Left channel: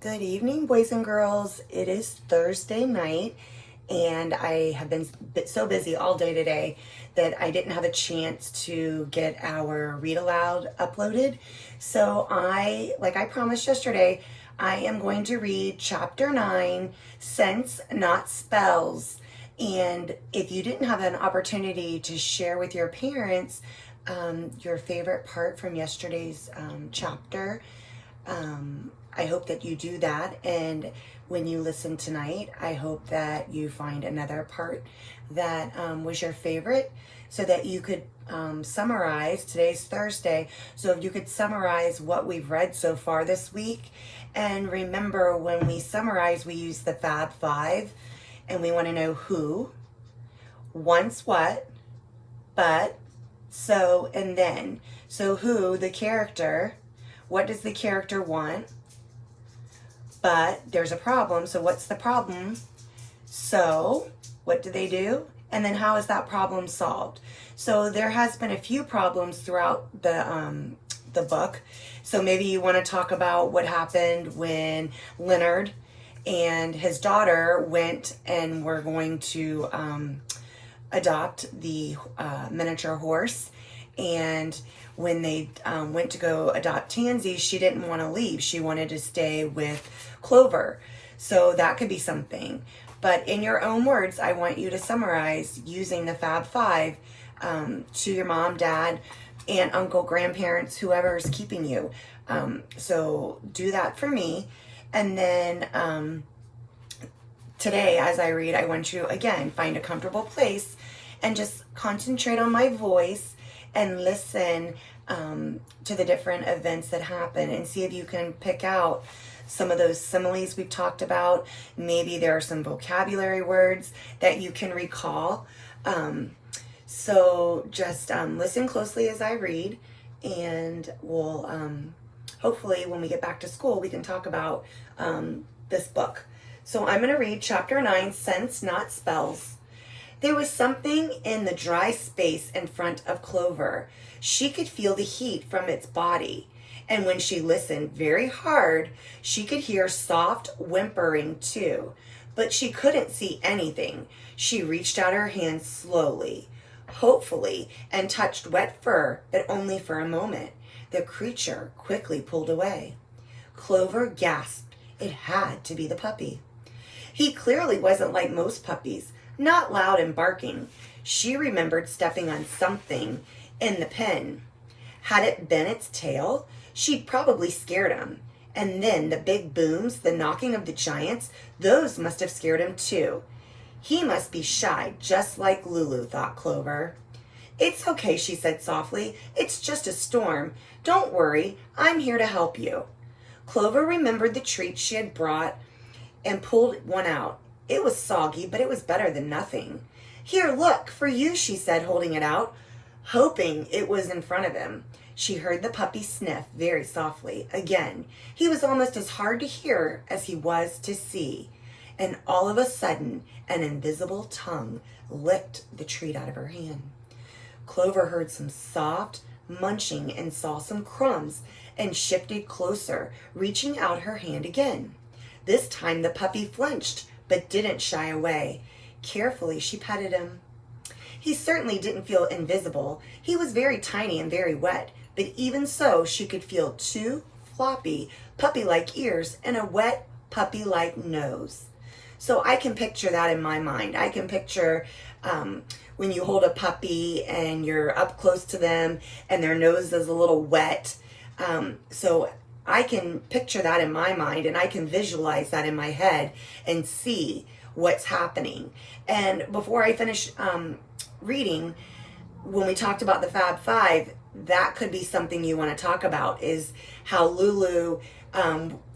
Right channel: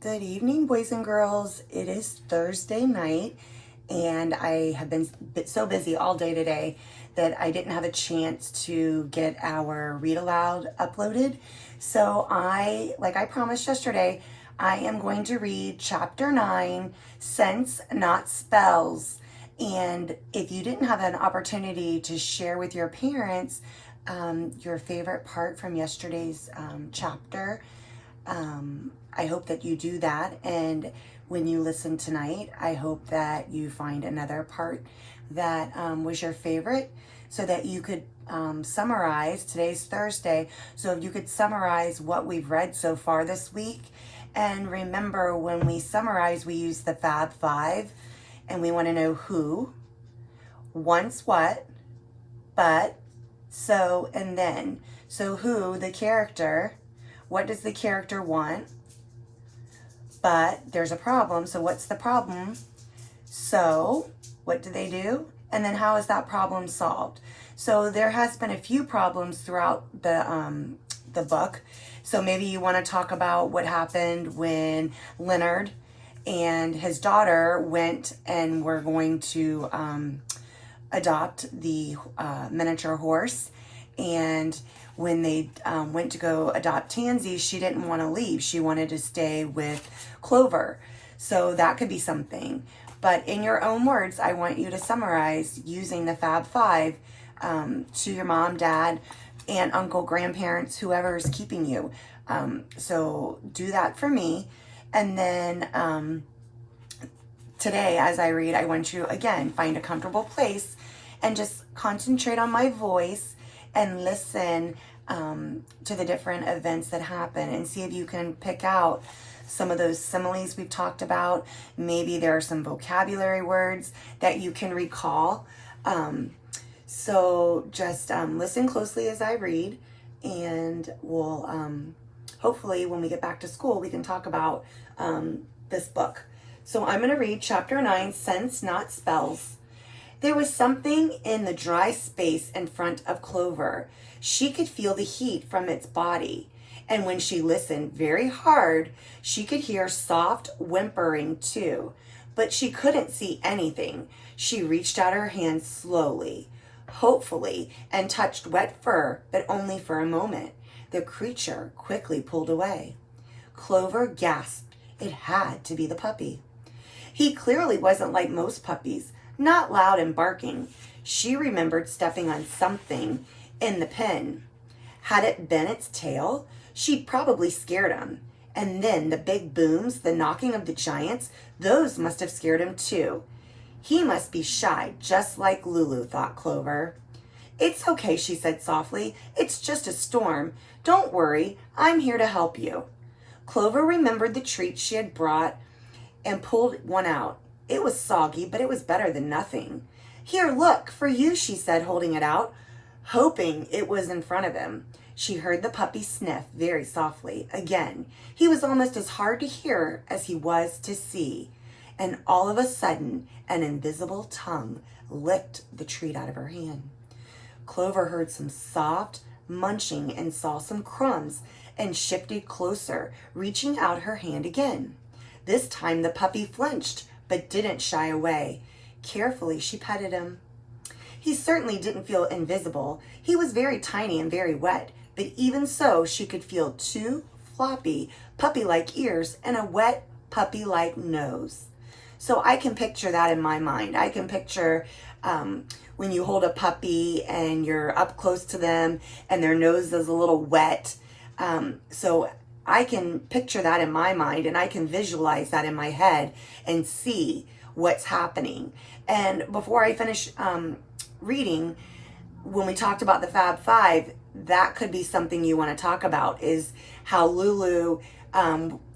Good evening, boys and girls. It is Thursday night, and I have been so busy all day today that I didn't have a chance to get our read aloud uploaded. So like I promised yesterday, I am going to read chapter 9, Sense Not Spells. And if you didn't have an opportunity to share with your parents your favorite part from yesterday's chapter, I hope that you do that, and when you listen tonight, I hope that you find another part that was your favorite, so that you could summarize. Today's Thursday, so if you could summarize what we've read so far this week. And remember, when we summarize, we use the Fab Five, and we want to know who, once, what, but, so, and then. So who, the character. What does the character want? But there's a problem. So what's the problem? So what do they do? And then how is that problem solved? So there has been a few problems throughout the book. So maybe you want to talk about what happened when Leonard and his daughter went and were going to adopt the miniature horse. And when they went to go adopt Tansy, she didn't want to leave. She wanted to stay with Clover. So that could be something. But in your own words, I want you to summarize using the Fab Five to your mom, dad, aunt, uncle, grandparents, whoever is keeping you. So do that for me. And then today, as I read, I want you, again, find a comfortable place and just concentrate on my voice and listen to the different events that happen, and see if you can pick out some of those similes we've talked about. Maybe there are some vocabulary words that you can recall. So just listen closely as I read, and we'll hopefully when we get back to school, we can talk about this book. So I'm going to read chapter 9, Sense Not Spells. There was something in the dry space in front of Clover. She could feel the heat from its body, and when she listened very hard, she could hear soft whimpering too, but she couldn't see anything. She reached out her hand slowly, hopefully, and touched wet fur, but only for a moment. The creature quickly pulled away. Clover gasped. It had to be the puppy. He clearly wasn't like most puppies, not loud and barking. She remembered stepping on something in the pen. Had it been its tail, she'd probably scared him. And then the big booms, the knocking of the giants, those must have scared him too. He must be shy, just like Lulu, thought Clover. It's okay, she said softly. It's just a storm. Don't worry, I'm here to help you. Clover remembered the treat she had brought and pulled one out. It was soggy, but it was better than nothing. Here, look, for you, she said, holding it out, hoping it was in front of him. She heard the puppy sniff very softly. Again, he was almost as hard to hear as he was to see. And all of a sudden, an invisible tongue licked the treat out of her hand. Clover heard some soft munching and saw some crumbs and shifted closer, reaching out her hand again. This time the puppy flinched, but didn't shy away. Carefully, she petted him. He certainly didn't feel invisible. He was very tiny and very wet, but even so, she could feel two floppy, puppy-like ears and a wet, puppy-like nose. So I can picture that in my mind. I can picture when you hold a puppy and you're up close to them and their nose is a little wet. So I can picture that in my mind, and I can visualize that in my head and see what's happening. And before I finish reading, when we talked about the Fab Five, that could be something you want to talk about, is how Lulu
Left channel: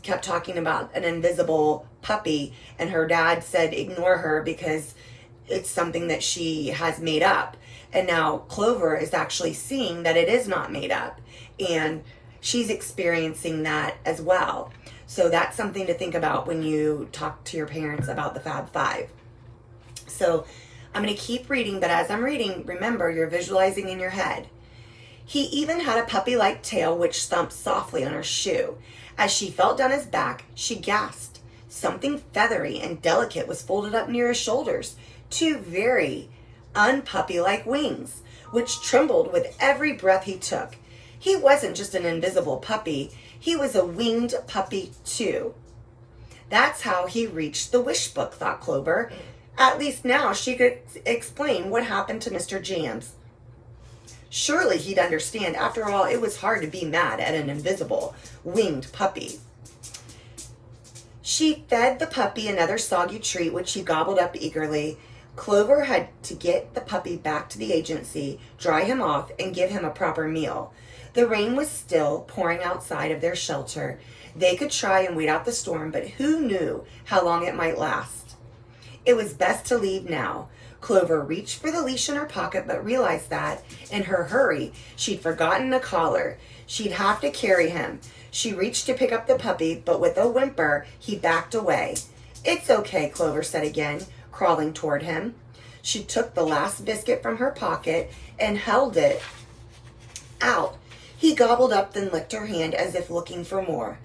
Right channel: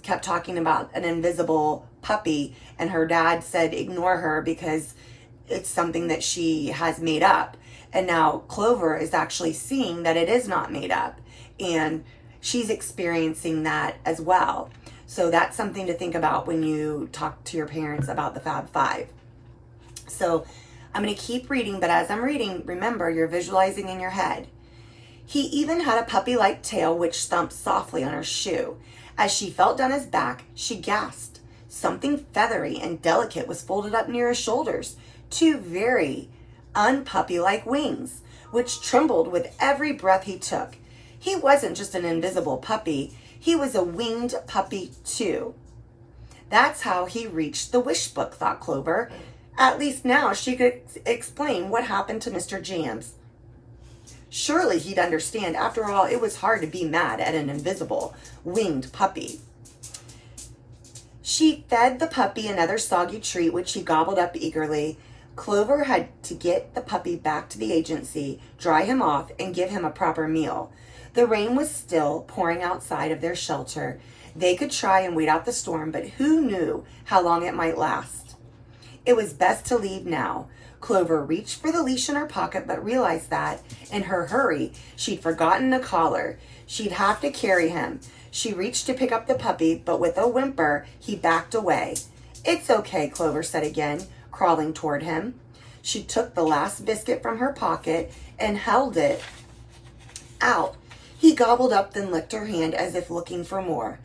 kept talking about an invisible puppy, and her dad said ignore her because it's something that she has made up. And now Clover is actually seeing that it is not made up, and she's experiencing that as well. So that's something to think about when you talk to your parents about the Fab Five. So I'm going to keep reading, but as I'm reading, remember, you're visualizing in your head. He even had a puppy-like tail which thumped softly on her shoe. As she felt down his back, she gasped. Something feathery and delicate was folded up near his shoulders, two very unpuppy-like wings, which trembled with every breath he took. He wasn't just an invisible puppy, he was a winged puppy too. That's how he reached the wish book, thought Clover. At least now she could explain what happened to Mr. Jams. Surely he'd understand. After all, it was hard to be mad at an invisible, winged puppy. She fed the puppy another soggy treat, which he gobbled up eagerly. Clover had to get the puppy back to the agency, dry him off, and give him a proper meal. The rain was still pouring outside of their shelter. They could try and wait out the storm, but who knew how long it might last? It was best to leave now. Clover reached for the leash in her pocket, but realized that, in her hurry, she'd forgotten a collar. She'd have to carry him. She reached to pick up the puppy, but with a whimper, he backed away. "It's okay," Clover said again, crawling toward him. She took the last biscuit from her pocket and held it out. He gobbled up, then licked her hand as if looking for more.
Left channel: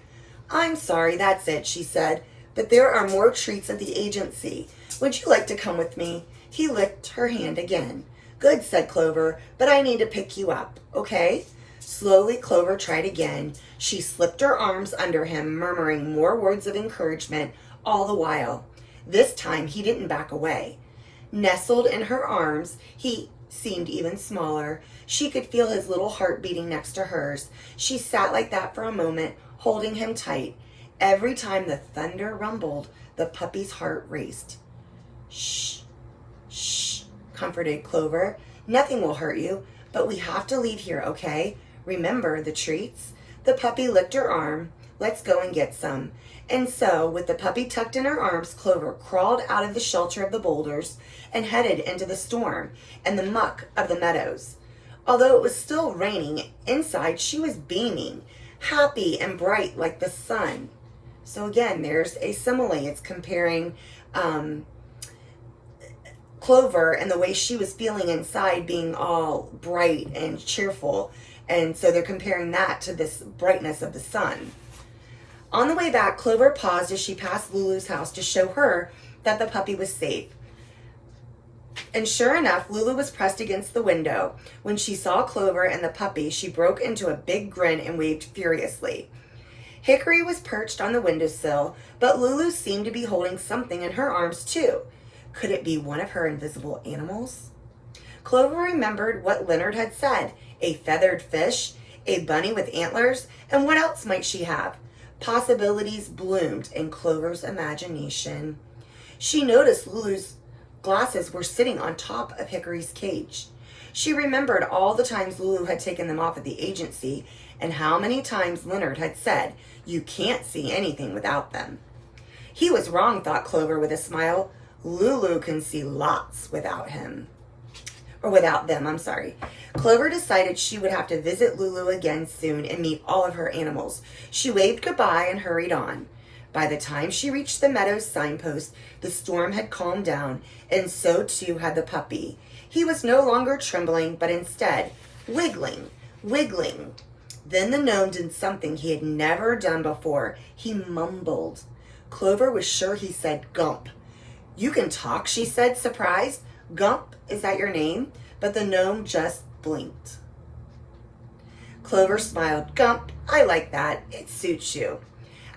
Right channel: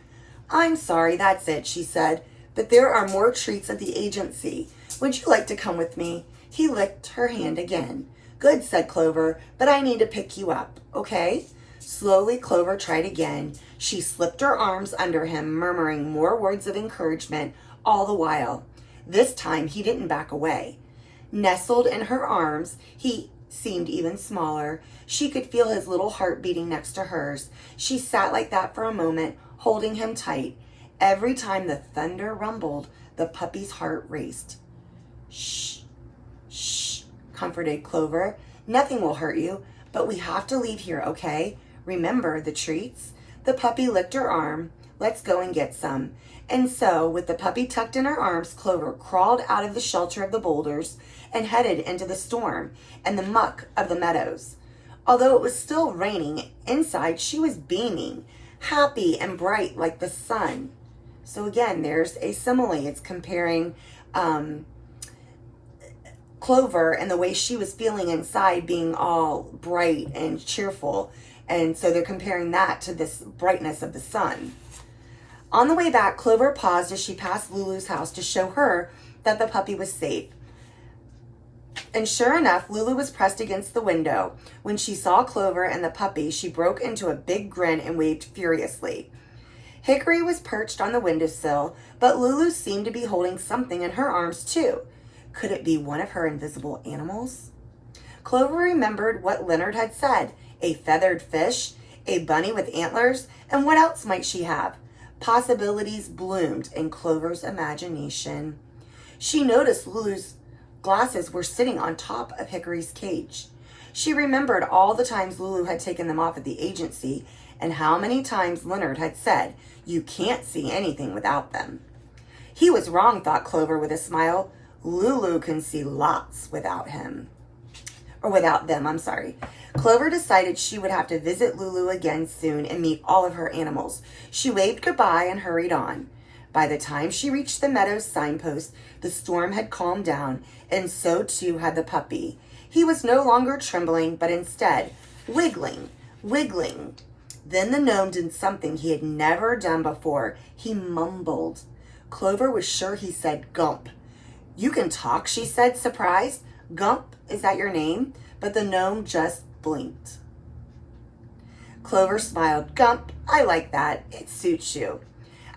"I'm sorry, that's it," she said, "but there are more treats at the agency. Would you like to come with me?" He licked her hand again. "Good," said Clover, "but I need to pick you up, okay?" Slowly, Clover tried again. She slipped her arms under him, murmuring more words of encouragement all the while. This time, he didn't back away. Nestled in her arms, he seemed even smaller. She could feel his little heart beating next to hers. She sat like that for a moment, holding him tight. Every time the thunder rumbled, the puppy's heart raced. "Shh, shh," comforted Clover. "Nothing will hurt you, but we have to leave here, okay? Remember the treats?" The puppy licked her arm. "Let's go and get some." And so, with the puppy tucked in her arms, Clover crawled out of the shelter of the boulders and headed into the storm and the muck of the meadows. Although it was still raining, inside she was beaming, happy and bright like the sun. So again, there's a simile. It's comparing Clover and the way she was feeling inside being all bright and cheerful. And so they're comparing that to this brightness of the sun. On the way back, Clover paused as she passed Lulu's house to show her that the puppy was safe. And sure enough, Lulu was pressed against the window. When she saw Clover and the puppy, she broke into a big grin and waved furiously. Hickory was perched on the windowsill, but Lulu seemed to be holding something in her arms too. Could it be one of her invisible animals? Clover remembered what Leonard had said. A feathered fish, a bunny with antlers, and what else might she have? Possibilities bloomed in Clover's imagination. She noticed Lulu's glasses were sitting on top of Hickory's cage. She remembered all the times Lulu had taken them off at the agency and how many times Leonard had said, "You can't see anything without them." He was wrong, thought Clover with a smile. Lulu can see lots without him. Or without them, I'm sorry. Clover decided she would have to visit Lulu again soon and meet all of her animals. She waved goodbye and hurried on. By the time she reached the meadow's signpost, the storm had calmed down, and so too had the puppy. He was no longer trembling, but instead wiggling, wiggling. Then the gnome did something he had never done before. He mumbled. Clover was sure he said Gump. "You can talk," she said, surprised. "Gump, is that your name?" But the gnome just blinked. Clover smiled. "Gump, I like that. It suits you."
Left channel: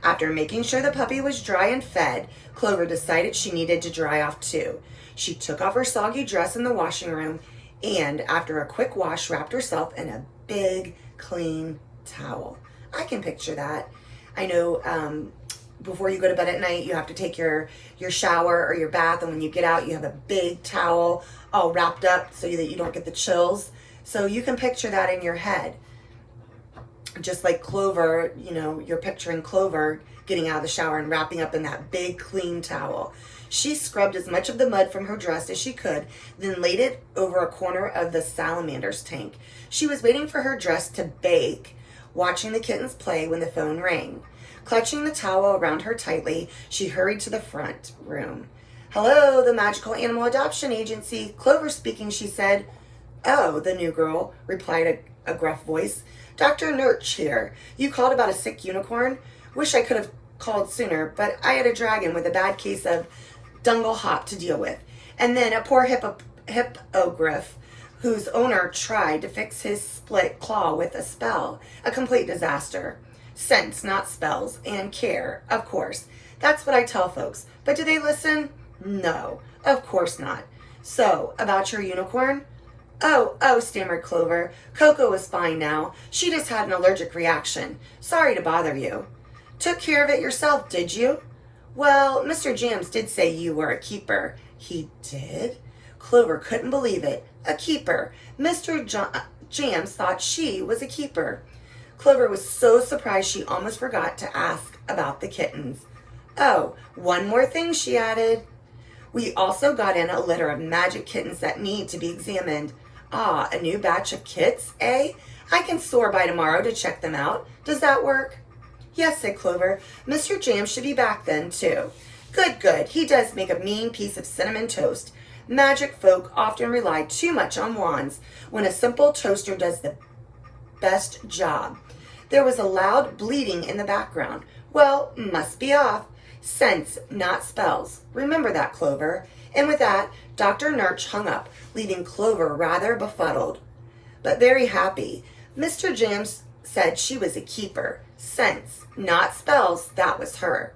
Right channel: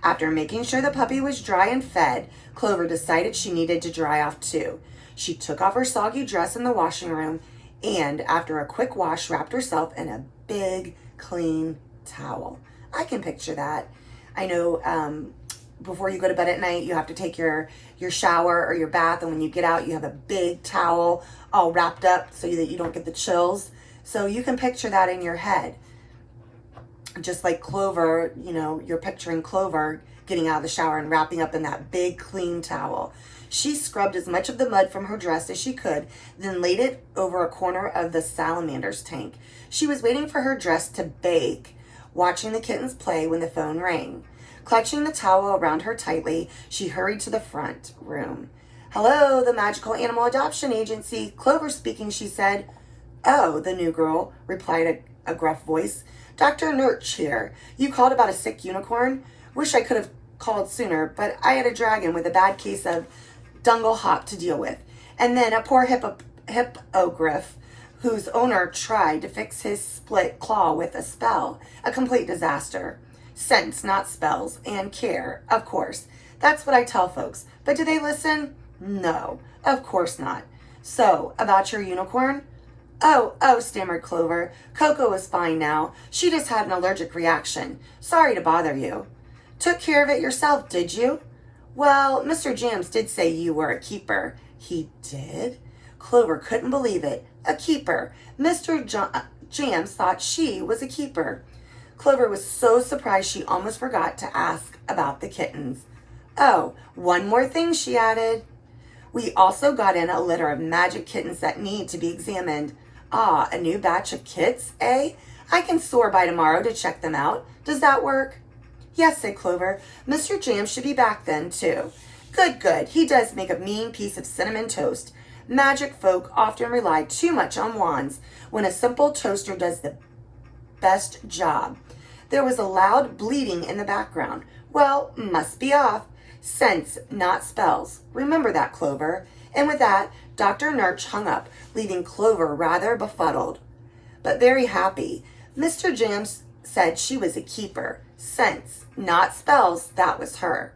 After making sure the puppy was dry and fed, Clover decided she needed to dry off too. She took off her soggy dress in the washing room and, after a quick wash, wrapped herself in a big, clean towel. I can picture that. I know before you go to bed at night, you have to take your shower or your bath, and when you get out, you have a big towel all wrapped up so that you don't get the chills. So you can picture that in your head. Just like Clover, you're picturing Clover getting out of the shower and wrapping up in that big clean towel. She scrubbed as much of the mud from her dress as she could, then laid it over a corner of the salamander's tank. She was waiting for her dress to bake, watching the kittens play when the phone rang. Clutching the towel around her tightly, she hurried to the front room. "Hello, the Magical Animal Adoption Agency. Clover speaking," she said. "Oh," the new girl replied a gruff voice. Dr. Nurch here. You called about a sick unicorn? Wish I could have called sooner, but I had a dragon with a bad case of dungle hop to deal with. And then a poor hippogriff whose owner tried to fix his split claw with a spell. A complete disaster. Sense, not spells, and care, of course. That's what I tell folks. But do they listen? No, of course not. So, about your unicorn? Oh, stammered Clover. Coco is fine now. She just had an allergic reaction. Sorry to bother you. Took care of it yourself, did you? Well, Mr. Jams did say you were a keeper. He did? Clover couldn't believe it. A keeper. Mr. Jams thought she was a keeper. Clover was so surprised she almost forgot to ask about the kittens. Oh, one more thing, she added. We also got in a litter of magic kittens that need to be examined. Ah, a new batch of kits, eh? I can soar by tomorrow to check them out. Does that work? Yes, said Clover. Mr. Jams should be back then, too. Good. He does make a mean piece of cinnamon toast. Magic folk often rely too much on wands when a simple toaster does the best job. There was a loud bleating in the background. Well, must be off. Sense, not spells. Remember that, Clover. And with that, Dr. Nurch hung up, leaving Clover rather befuddled, but very happy. Mr. Jams said she was a keeper. Sense, not spells, that was her.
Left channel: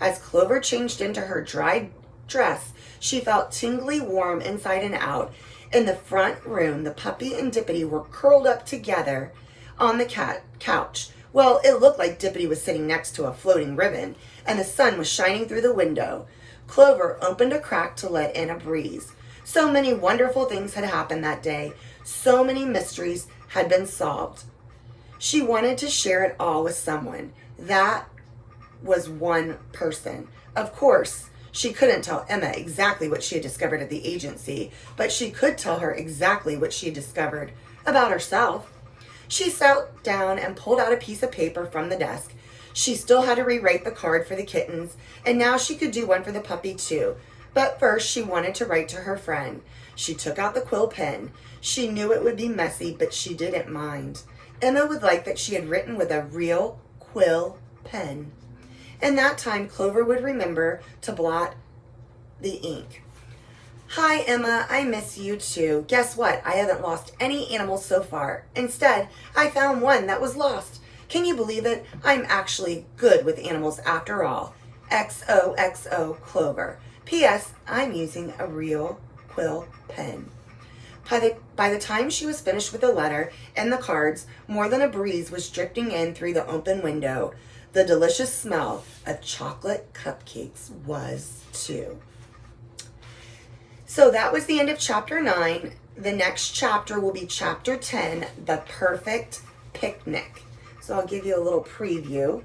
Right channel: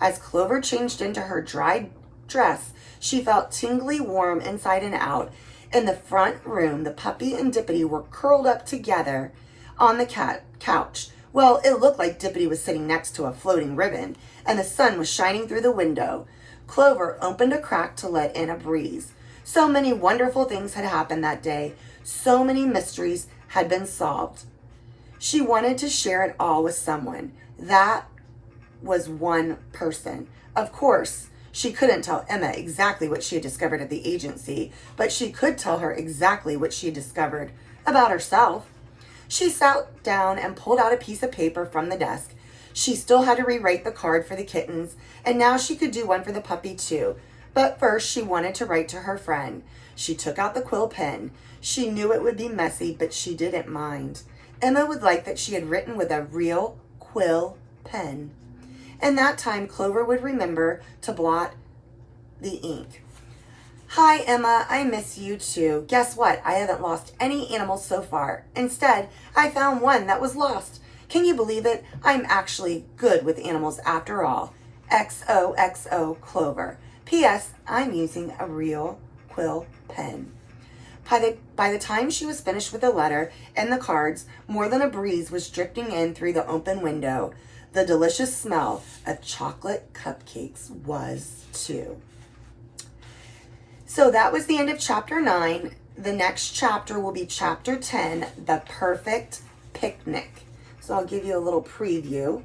As Clover changed into her dry dress, she felt tingly warm inside and out. In the front room, the puppy and Dippity were curled up together on the couch. Well, it looked like Dippity was sitting next to a floating ribbon, and the sun was shining through the window. Clover opened a crack to let in a breeze. So many wonderful things had happened that day. So many mysteries had been solved. She wanted to share it all with someone. That was one person. Of course, she couldn't tell Emma exactly what she had discovered at the agency, but she could tell her exactly what she had discovered about herself. She sat down and pulled out a piece of paper from the desk. She still had to rewrite the card for the kittens, and now she could do one for the puppy too. But first she wanted to write to her friend. She took out the quill pen. She knew it would be messy, but she didn't mind. Emma would like that she had written with a real quill pen. And that time Clover would remember to blot the ink. Hi, Emma, I miss you too. Guess what? I haven't lost any animals so far. Instead, I found one that was lost. Can you believe it? I'm actually good with animals after all. XOXO Clover. P.S. I'm using a real quill pen. By the time she was finished with the letter and the cards, more than a breeze was drifting in through the open window. The delicious smell of chocolate cupcakes was too. So that was the end of chapter 9. The next chapter will be chapter 10, The Perfect Picnic. So I'll give you a little preview.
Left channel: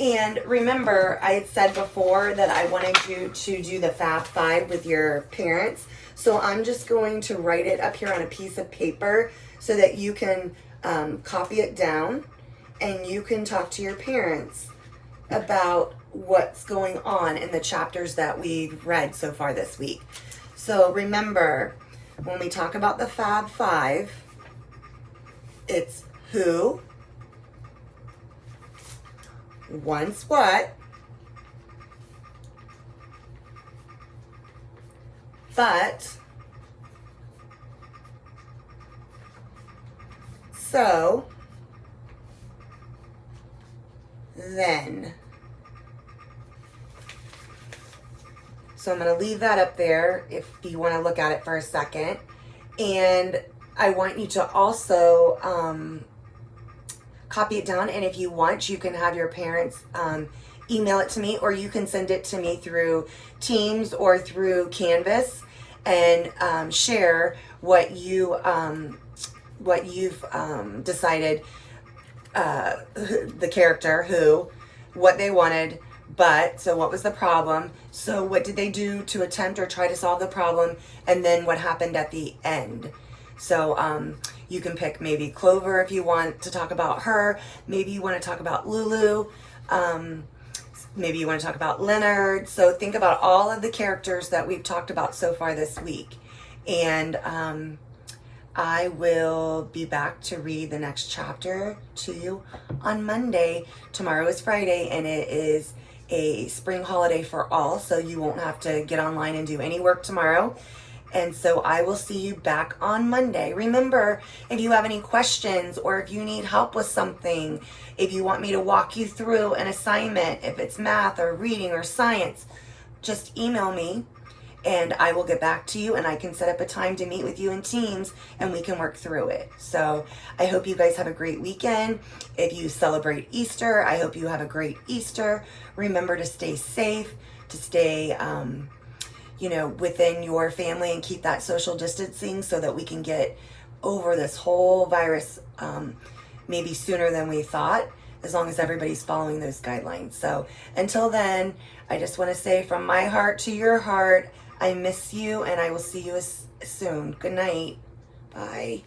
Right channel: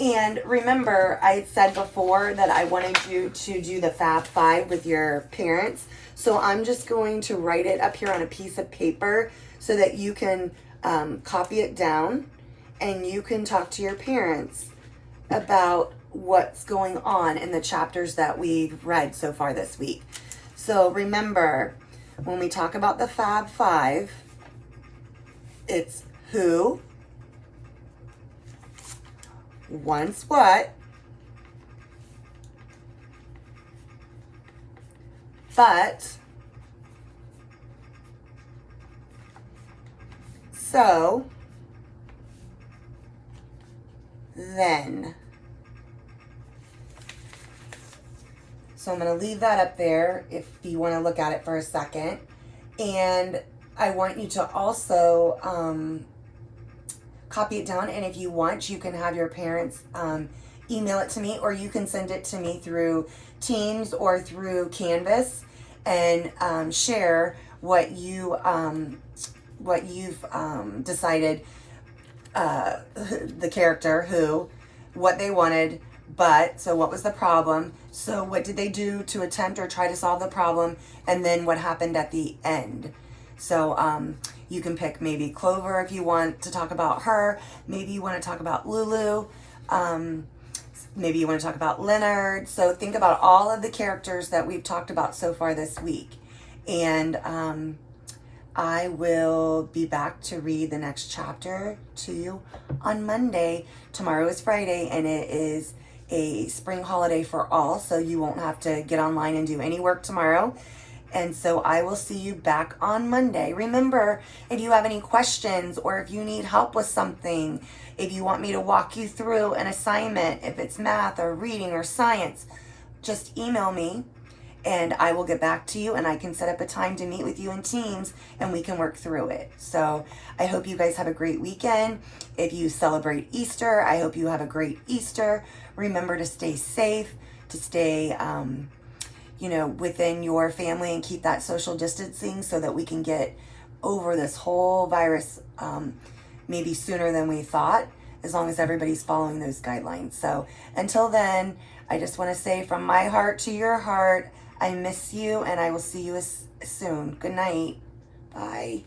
And remember, I had said before that I wanted you to do the Fab Five with your parents. So I'm just going to write it up here on a piece of paper so that you can copy it down and you can talk to your parents about what's going on in the chapters that we've read so far this week. So remember, when we talk about the Fab Five, it's who, once what, but, so, then. So I'm going to leave that up there if you want to look at it for a second. And I want you to also copy it down. And if you want, you can have your parents email it to me, or you can send it to me through Teams or through Canvas and share what you've decided, the character, who, what they wanted, but, so what was the problem? So what did they do to attempt or try to solve the problem? And then what happened at the end? So you can pick maybe Clover if you want to talk about her. Maybe you want to talk about Lulu. Maybe you want to talk about Leonard. So think about all of the characters that we've talked about so far this week. And I will be back to read the next chapter to you on Monday. Tomorrow is Friday, and it is a spring holiday for all, so you won't have to get online and do any work tomorrow. And so I will see you back on Monday. Remember, if you have any questions or if you need help with something, if you want me to walk you through an assignment, if it's math or reading or science, just email me and I will get back to you, and I can set up a time to meet with you in Teams and we can work through it. So I hope you guys have a great weekend. If you celebrate Easter, I hope you have a great Easter. Remember to stay safe, to stay within your family and keep that social distancing so that we can get over this whole virus maybe sooner than we thought, as long as everybody's following those guidelines. So until then, I just want to say from my heart to your heart, I miss you, and I will see you soon. Good night. Bye.